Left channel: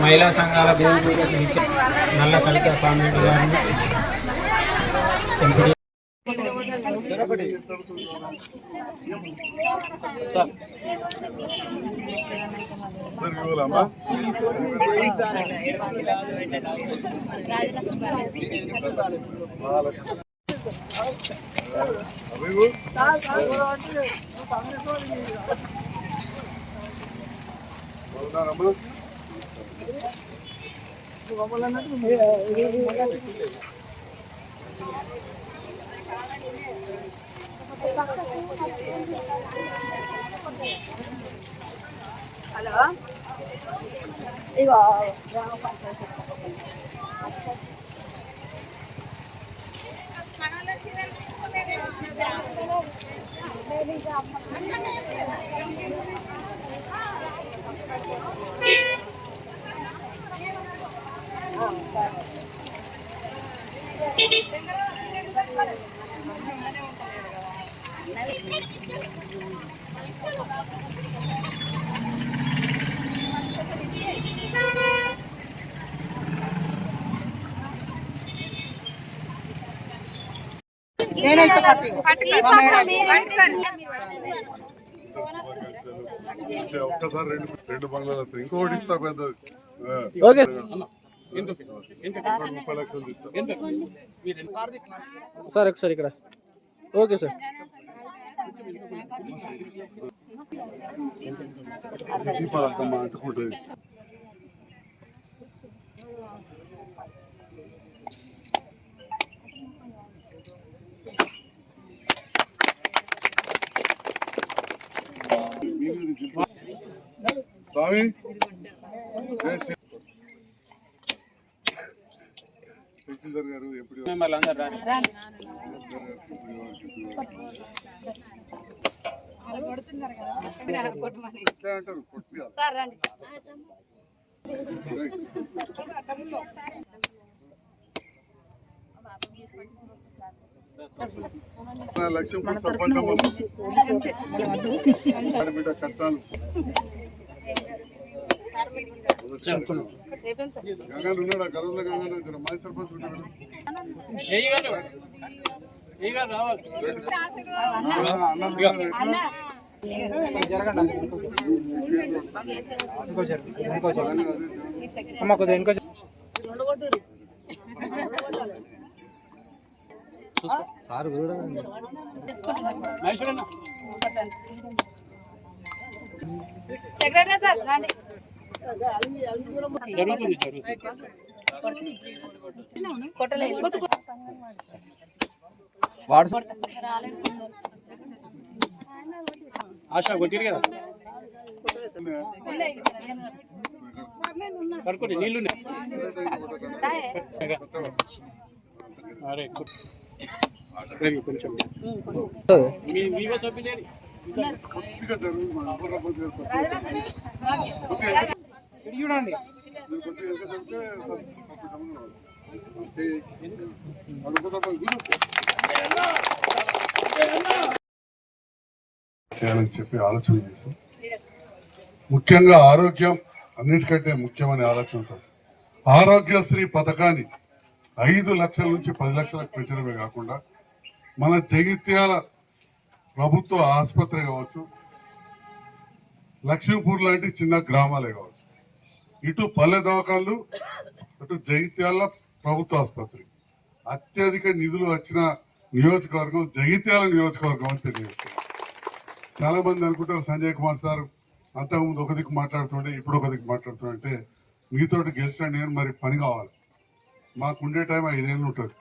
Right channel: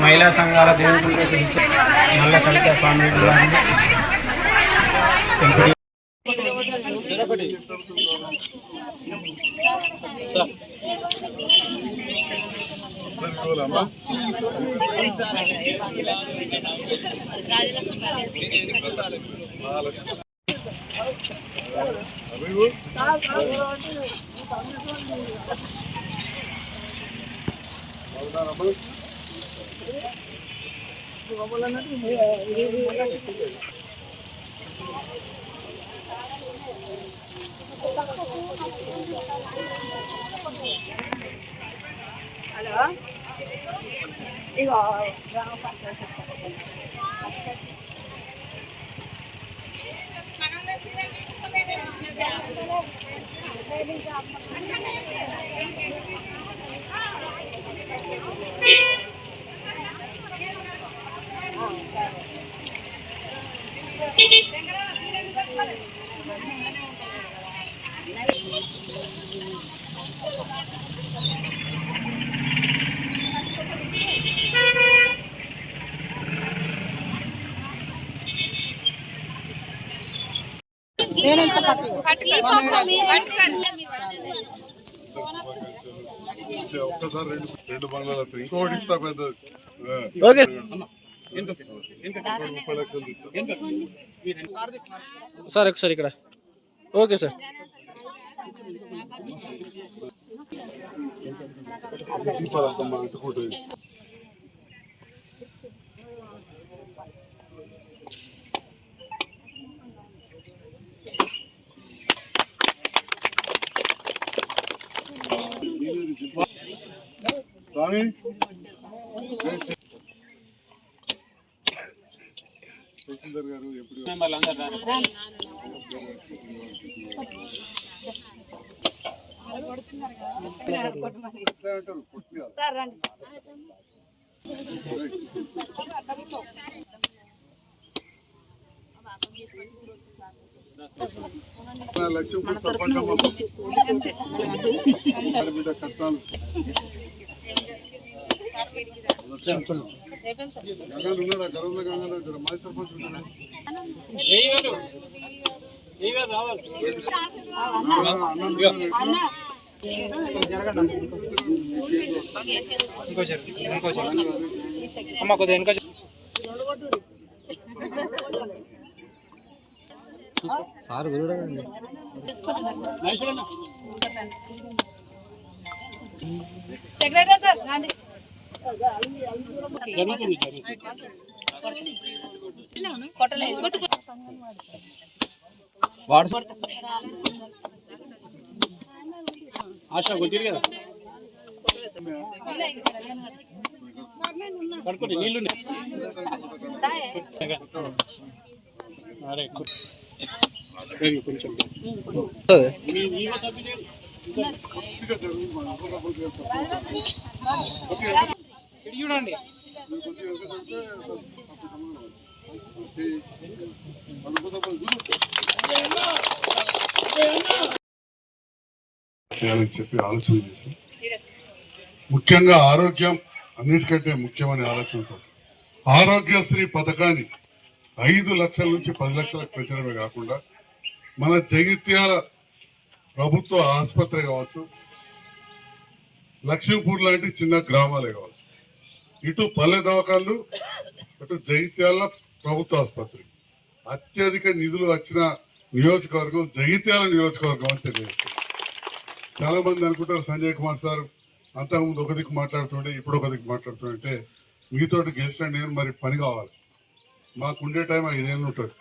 महिला संघाల నల్ల కలిక స్వామి హలో ఇగో గ్రామ పంచాయతీ ఒక్కసారి రెండు బంగ్లాలు ఇంకోటి ఇస్తా పెద్దది. సార్ ఒకసారి ఇక్కడ ఓకే సార్. అంటుకుంటుంది స్వామి. తహసీల్దార్ గారు ఎప్పుడు లక్ష్మీపూర్ సర్పంచ్ అమ్మ బిడ్డ కట్టాను గంగాడు ఉన్నాడా గర్వంలో గంగాడు మాజీ సర్పంచ్ ఉంటాడు. సార్ చూడండి సెక్రటరీ సార్ రండి. ఆశ కొట్టిరు కదా పడుకోండి నీళ్ళు కొంచెం చూడండి చేయాలని చెప్పి ఆలోచన చేసి ముఖ్యంగా ఆరోగ్యం అన్నిటికంటే ముఖ్యమైన ఆలోచనతో ఆరోగ్యశ్రీ పథకాన్ని 5 లక్షల నుంచి 10 లక్షలకు పెంచడమే కాకుండా మన జగిత్యాల ప్రభుత్వ ఆసుపత్రి కావచ్చు, లక్ష్మీపూర్ లాంటి చిన్న గ్రామాలే కావచ్చు, ఇటు పల్లె దవాఖాన్లు అటు జగిత్యాల ప్రభుత్వ ఆసుపత్రి అత్యధిక నిధులు వచ్చిన నియోజకవర్గం జగిత్యాల నియోజకవర్గం అని తెలియజేస్తుంది. చాలా మంది అనుకుంటారు సంజయ్ కుమార్ సార్ అంతకుముందు ఒక దిక్కు మాట్లాడుతుండే ఇప్పుడు ఒక దిక్కు మాట్లాడుతుంటే మీతోటి గెలిచిన నేను మరి పని కావాలి, మాకు ఉండే టైం 5 ఏళ్ళు ఉంటుంది,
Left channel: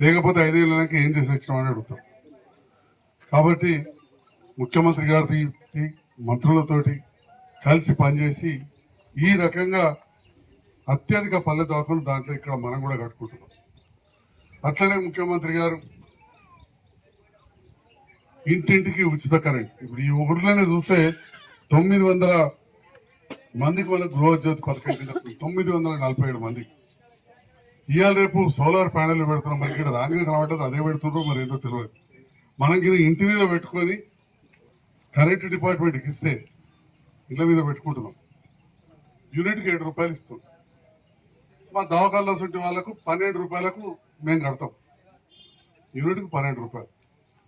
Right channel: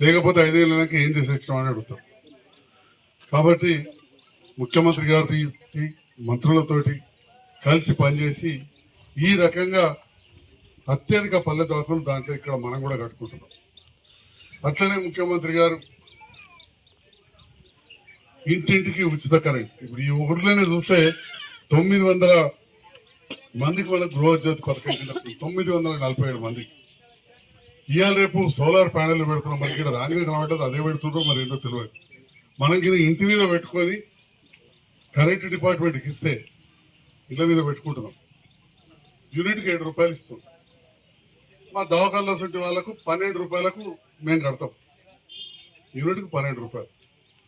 లేకపోతే 5 ఏళ్ళకి ఏం చేసి వచ్చినామని అడుగుతాం. కాబట్టి ముఖ్యమంత్రి గారి మంత్రులతోటి కలిసి పనిచేసి ఈ రకంగా అత్యధిక పల్లె దవాఖాలు దాంట్లో ఇక్కడ మనం కూడా కట్టుకుంటున్నాం. అట్లనే ముఖ్యమంత్రి గారు ఇంటింటికి ఉచిత కరెంట్. ఇప్పుడు ఈ ఊర్లోనే చూస్తే 900 మందికి మన గృహజ్యోతి పథకం కింద 947 మందికి ఇవాళ రేపు సోలార్ ప్యానెల్ పెడుతున్నాం. మనకి ఇక్కడ రానిగా కాబట్టి అదే పెడుతుండ్రో మరి ఏంటో తెలియదు. మనకి ఇంటి మీద పెట్టుకొని కరెంట్ డిపార్ట్మెంట్కి ఇస్తే ఇళ్ళ మీద పెట్టుకుంటున్నాం. యూనిట్కి 7 రూపాయలు ఇస్తాం. మా దవాఖానలో సొంటి వాళ్ళకు 12 రూపాయలకు మేము కడతాం. యూనిట్కి 12 రూపాయలు.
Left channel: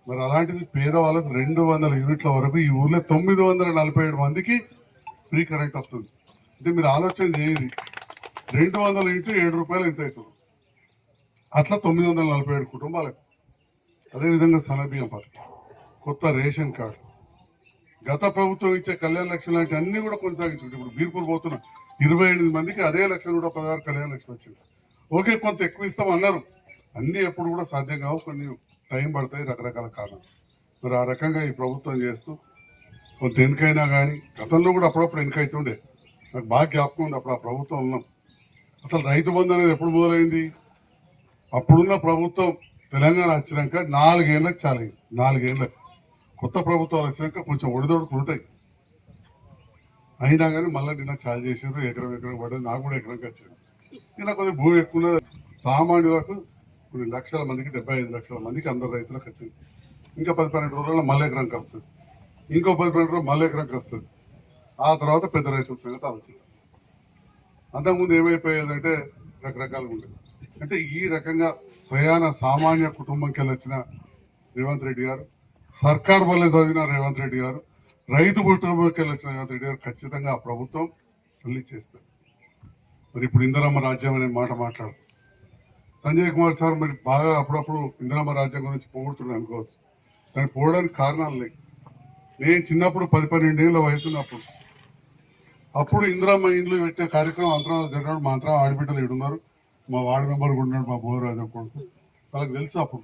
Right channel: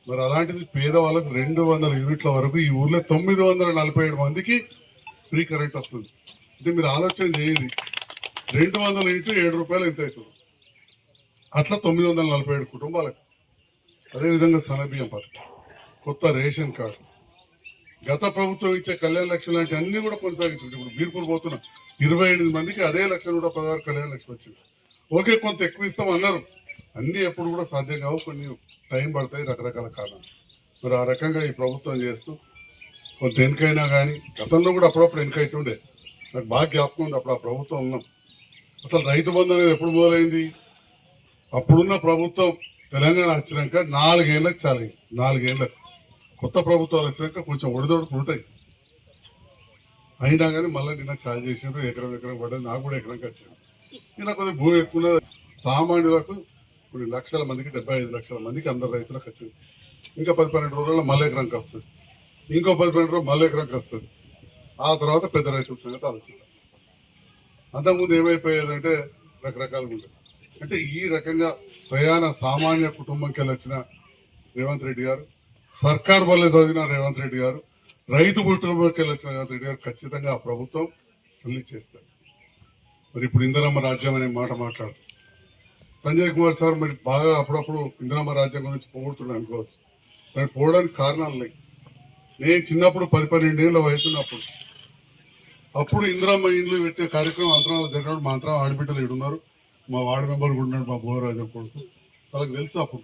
మరి అలాంటిది పేదవాళ్ళకు 200 యూనిట్ల వరకు ఈ ఊర్లో 947 మందికి ఫ్రీ కరెంట్ వస్తుంది. అంటే మీరు ఆలోచన చేయండి, 200 ఇంటూ 7 రూపాయలు ఎంత అవుతుంది? అట్లా 947 కుటుంబాలకు. అదేవిధంగా సన్నబియ్యం పథకం, కొత్త రేషన్ కార్డు, గత ప్రభుత్వం ఇచ్చే కళ్యాణ లక్ష్మి లాంటి అన్ని కూడా కొనసాగించుంటే ఇప్పుడు బీర్పూర్ పోతున్నా 28 మందికి అదే 1,16,000 కళ్యాణ లక్ష్మి వచ్చింది. ఓకే, కొంత ఎక్కువ ఇస్తాం అన్నారు. అన్ని ఎప్పుడు కూడా సాధ్యం కావు, కొన్ని టైం పడతాయి, రకరకాల కారణాలు. మరి ఆ రకంగా ఈ ప్రభుత్వం చేస్తూ కొంత వెనుకైనా కానీ గతంలో కూడా అప్పుడప్పుడు వెనుకైతుండే. నాకు బాగా జ్ఞాపకం ఉంది, అప్పుడు ఆ ప్రభుత్వం ఉన్నాం. అసలు రైతు బంధు అనేది ఎప్పుడు మొదలైంది? అప్పుడున్న ప్రభుత్వం తెలంగాణ వచ్చినాక 4 ఏళ్ళకి చాలి. 4 ఏళ్ళకు కొత్త ప్రభుత్వాలు వచ్చినాక కొంచెం ఒడిదొడుకులు ఉంటాయి. అయినా కానీ మళ్ళీ నిన్న చాలు చేసినారు. ఎకరం పడ్డది. నాకు కూడా ఎకరంకి వచ్చింది. ఇలా కొంచెం భూమి ఎక్కువ సామాన్యులకు కొన్ని లక్షల మందికి 75 లక్షల మందికి అందరు రైతులకు వచ్చింది. ఇంకా 10-12 రోజుల్లో మళ్ళీ ఎకరంకి వస్తుంది. ఇంకో 10-12 రోజులు మళ్ళీ ఎకరంకి వస్తుంది. ఆ తర్వాత పెద్ద రైతుల సంగతి ఆలోచన. అంతకుముందు ఏమైపోయేదంటే రకరకాలుగా ఉండేది. అంటే ఈ రకంగా స్వయాన సామాన్య కుటుంబంకి వెళ్ళి వచ్చిన రేవంత్ రెడ్డి గారు, సర్కార్ వల్ల చదివిన రేవంత్ రెడ్డి గారు, రైతు కుటుంబంకి వెళ్ళి వచ్చిన రేవంత్ రెడ్డి గారు ఖచ్చితంగా ఆ ప్రభుత్వం రిలీజ్ చేస్తారు. మరి ఇప్పుడు ఇందిరమ్మ రాజ్యం అనే మాట మాట్లాడుతుంది సంజయ్ కుమార్ సార్. మరి బాగా అప్పుడప్పుడు ఇందిరమ్మ రాజ్యం గురించి పోగొడుతున్నాను అనుకోవచ్చు. దానికి పోవడానికి కారణాలు లేవు. నేను చిన్నప్పుడు 10-12 ఏళ్ళ వయసు ఉన్నప్పుడు అప్పుడు ఇందిరమ్మ ఇండ్లు పెట్టే కార్యక్రమం అంతరాలు జరిగినప్పుడు మా అంతరం ఆడబిడ్డలు ఏడున్నారు. మా వార్డు మెంబర్ కూడా ఉన్నాడు, మా భోగరాజు కొడుకు. వాళ్ళకి తెలుసు. అప్పుడు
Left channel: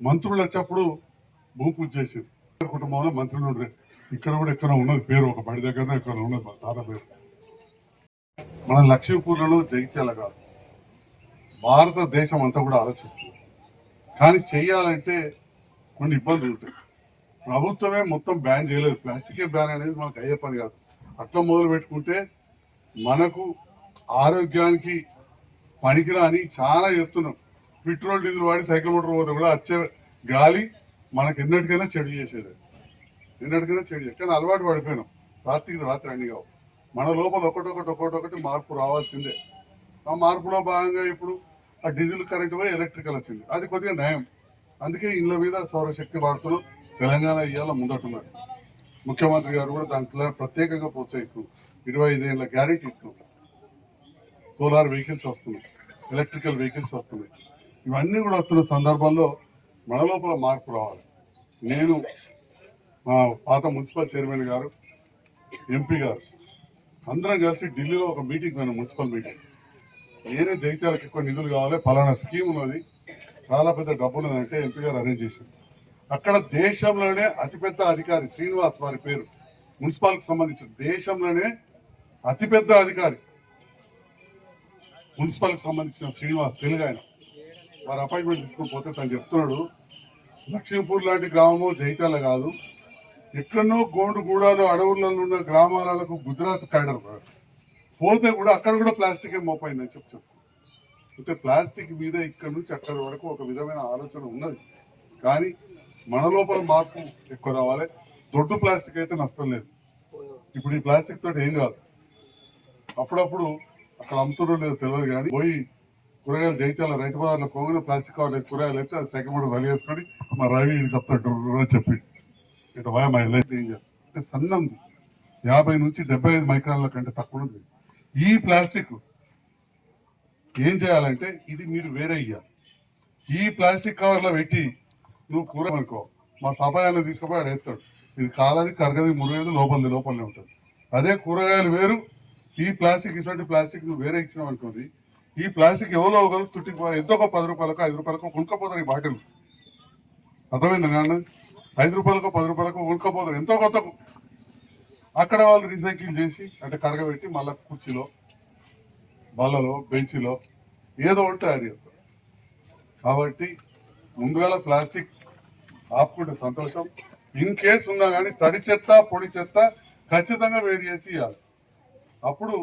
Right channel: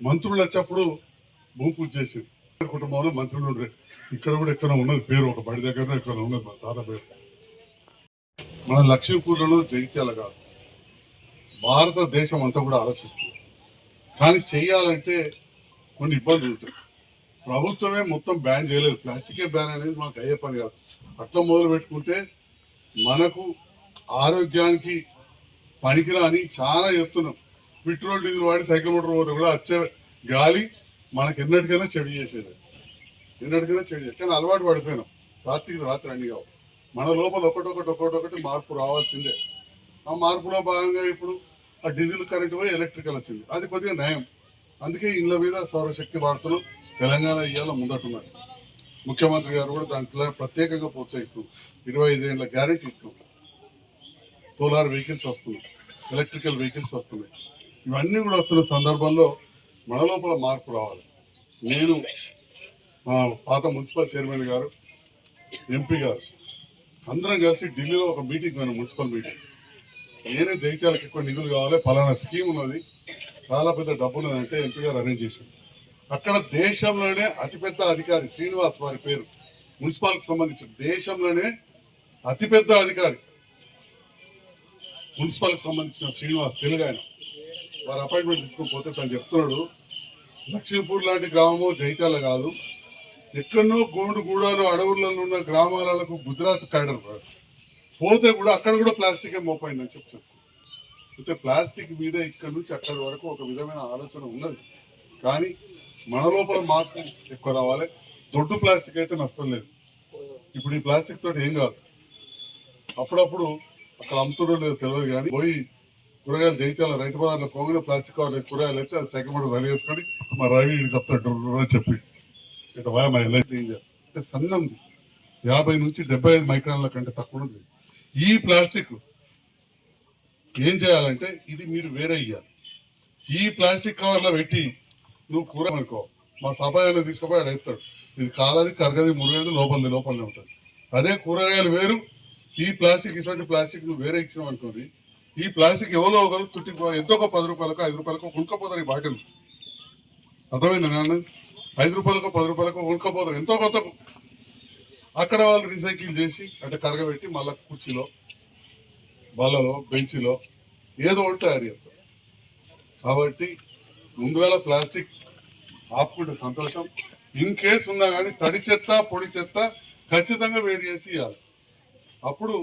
మంత్రులు వచ్చేప్పుడు భూమి పూజ చేసేది. కుటుంబంలో మంత్రులు ఉండే. ఇక్కడ కూడా ఎక్కడ ఉన్నది పేరు, ఒక బడి దగ్గర ఇక్కడ ఉన్నది మా తాత పేరు. మన లక్ష్మీపూర్లలో జగిత్యాల కాదు, భారతదేశం అంతా కూడా ఆలోచిస్తుంది. కానీ చెయ్యాలంటే కొన్ని ఇబ్బందులు ఉంటాయి. ప్రభుత్వమే మొత్తం బ్యాన్ చేయలేదు. ప్లాస్టికే బ్యాన్ అనేది మనకు అయ్యే పని కాదు. అట్లా మొదలు పెట్టుకుంటే మనకు ఆరోగ్యానికి పనికిరాని చాలా చెప్తున్నాం. పెట్రోల్ డీజిల్ వాడి సైకిల్ మోటార్ పోతే కూడా వచ్చే గాలి మనకు ఎన్నటికైనా చెడు చేసేది, ఎన్నటికైనా చెడు. కానీ అలవాటు పడిపోయినాం. రాత్రి అన్ని కావు. మన లోపల ఒకటొకటి మార్పు రావాల్సిందే. ఆ మార్పులో భాగంగా ఇప్పుడు ఆ డీజిల్ కరెంట్ పోయి ఎలక్ట్రికల్ వచ్చింది. అది కొద్దిగా నయం. అందుకే ఇళ్ళ మీద సౌరశక్తి వాడుతున్నాం. తెలంగాణ ఇవాళ ముందటున్నారు. ముఖ్యమంత్రి గారు కూడా దాంట్లో ప్రత్యేకంగా ప్రోత్సహిస్తుంది. 25 ఏళ్ళ గ్యారెంటీ ఇస్తుంది. సోలార్ వెహికల్స్ వస్తున్నాయి, ఎలక్ట్రికల్ వెహికల్స్ వస్తున్నాయి. ఇవన్నీ కూడా వస్తున్న సందర్భంలో మన లోపల మార్పు రావాలి. నేను మా పాత మున్సిపల్ చైర్మన్ గారు, ఎంపీ గారు అందరం కలిసి ఢిల్లీలో ఒక మీటింగ్ పోయినాం, మున్సిపల్ మీటింగ్. నేనే జగిత్యాలకు ఎక్కువ నిధులు కావాలి, ఫలానా స్కీమ్ ఉన్నది, చాలా పెద్ద డబ్బు ఉన్నదంటే ఎంపీ గారు అరేంజ్ చేశారు. అక్కడ దేశంలోనే అతిపెద్ద అధికారి శ్రీనివాస్ వారి పేరు, మున్సిపాల్కి సంబంధించిన దేశంలోనే అతిపెద్ద అధికారి మున్సిపాల్కి సంబంధించిన శ్రీనివాస్, తెలుగు ఆయన. వారు అపాయింట్మెంట్ తీసుకొని పోతే తను చెప్తున్నాడు, లక్ష్మీపూర్ లాంటి గ్రామము జైత్యాల కాదు, ఎక్కడనో గోండుగూడలో అడవులలో ఉన్న గ్రామాలకు గుజరాత్ కైడర్ పోతే కూడా అక్కడ కూడా ప్లాస్టిక్ మోపైందని చెప్తుంది. అంటే ప్లాస్టిక్ మీద ఇక్కడ నుంచి అక్కడి వరకు ఒక విధమైన ఆలోచన ఉన్నది. కానీ మన లోపల మార్పు ఎక్కువ రావాలి. దొడ్డు ప్లాస్టిక్ అయితే నష్టం లేదు. ఇప్పుడు ఈ ప్లాస్టిక్ తోటి ఏం కాదు. అప్పుడప్పుడు అక్కడ అమ్ముతున్నారు లేదో తెలియదు, కానీ పోయి కూరగాయలు జైత్యాల రైతు బజార్లో పోగిన ప్లాస్టిక్ కవర్ కూరగాయలు అయితే అది సెకండ్ కూడా రెడీ చేసుకొని మా రవి చెప్తాడు చెప్పి ఇటు వా మై లైఫ్ డేంజర్. అంటే సన్నం 50 నుంచి 75 మైక్రాన్ల కంటే తక్కువ ఉంది. ఈ ప్లాస్టిక్ ఏం చేయాలంటే ఇది మీరు వేరే ఇయ్యాలి. ఈ ప్లాస్టిక్ కవర్లో పెట్టి నువ్వు కూర అనుకో, మా సపాయాన్ని తీసుకుపోయి ఆడ ఎత్తాడు. ఇది కాలది, కరగది, మురగది, లోపలనే ఉంటుంది. అదే కూరగాయలు వేరు, ఈ ప్లాస్టిక్ ఇటువంటి ప్లాస్టిక్ నువ్వు వేరే ఇచ్చినావు అనుకోండి, ఈ ప్లాస్టిక్ ఎవరో ఒకరు తుట్టిపో ఎంతో ఒక 10 రూపాయలకు 5 రూపాయలకు కొనుక్కపోతారు ఈ బాటిల్. అర్థమైంది నాన్న? రూపాయలకు 10 రూపాయలకు ఉడకపోతారు ఎంతో కొత్తకు. అక్కడ వాళ్ళు రీసైకిల్ చేసి అంటే కరగబెట్టి మళ్ళీ కుర్చీలో బల్లలో బెంచ్లో ఏదో ఒకటి తయారు చేస్తారు. కాబట్టి ముందుగా ప్లాస్టిక్ ఆపుకుంటే సంతోషం. ఇన్ కేసు ఉన్నా కానీ తడి చెత్త పొడి చెత్త ఖచ్చితంగా వేరు చేసి ఇవ్వాలి. అప్పుడు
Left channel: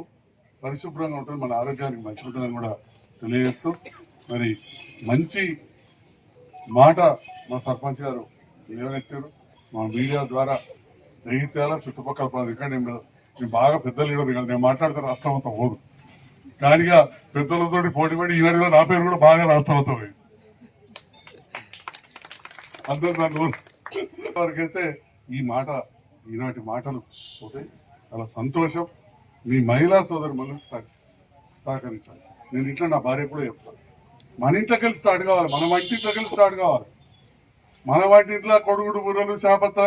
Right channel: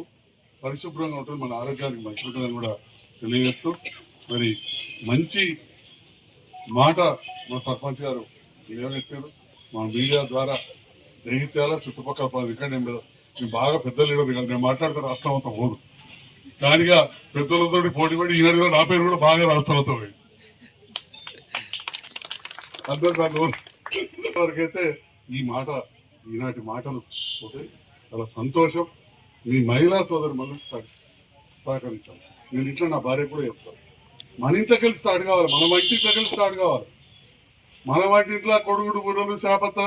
పరిశుభ్రంగా ఉంటుంది, మన ఆరోగ్యానికి మంచి ఉంటుందని కూడా తెలియజేస్తూ మరి మంచి మాట మా సర్పంచ్ గారు లేవనెత్తారు. మా మీడియా ద్వారా జగిత్యాల చుట్టుపక్కల ప్రాంతం ఇక్కడ నేను బాగా పెద్ద లీడర్ కాదు, నేను మాట్లాడితే రాష్ట్రం అంతా పోదు. కానిగా పెద్దలతోటి పోటీ పడి ఈనాడు నా పేరు కూడా బాగా రాష్ట్రం అంతా పోయింది. అందరూ వరకైతే ఈ మాట ఈనాటి మాటలు పోతే చాలా సంతోషం. మీ మహిళా సోదరు మనం సహకరించాలి. నేను ఇంట్లో నా భార్య కూడా చెప్తాను, మన ఇంట్లోకి వెళ్ళి స్టార్ట్ కావాలి, మన వంటింట్లోకి వెళ్ళి స్టార్ట్ కావాలి. మన వంటింట్లో కొడుగుడు బుర్రలు చేపత్త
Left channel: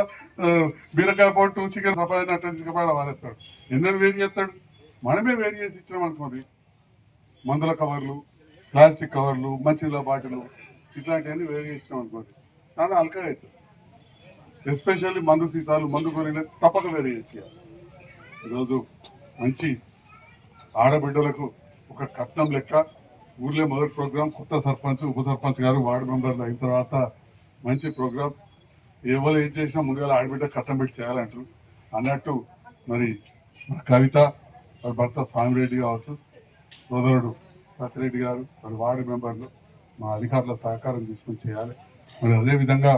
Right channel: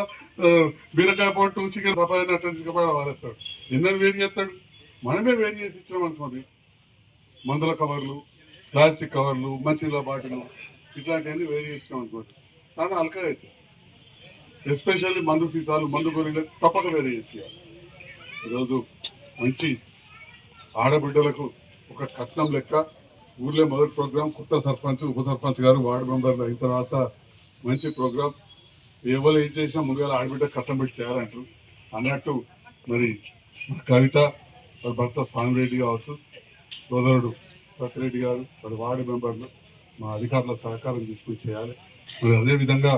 బీరకాయ పొట్టు చికెన్ సఫాయి నట్టించకపోయినా వారేస్తాడు. ఎన్నెలు వేరు చేస్తాడు. మనమే వేరు చేసి ఇచ్చినాం అనుకోండి, మందుల కవర్లు, ప్లాస్టిక్ కవర్లు, మంచినీళ్ళ బాటిల్ ఇట్లాంటివన్నీ వేరు చేసినాం అనుకోండి చాలా అల్కగా అవుతుంది. ఎస్పెషల్లీ మందు సీసాలు, మందు గొర్రెలు తప్పక వేరు చేసేయాలి. ఈరోజు మంచి ఆడబిడ్డలకు ఒక కట్నం లెక్క ఊర్లో మొదటి ప్రోగ్రాం, కొత్త సర్పంచ్ ఉప సర్పంచ్ గారు వార్డు మెంబర్లు అయిన తర్వాత మంచి ప్రోగ్రాం. ఎవరు ఏం చేసినా ముందుగా ఆడబిడ్డ కట్నం పెట్టి చేయాలంటారు అన్నట్టు మరి కవిత వారి భర్త స్వామిరెడ్డి కావచ్చు, సోదరుడు సత్యరెడ్డి గారు, వారి వార్డు మెంబర్లు మా అధికారుల సహకారం తీసుకుని చేయాలి. మరి అదేవిధంగా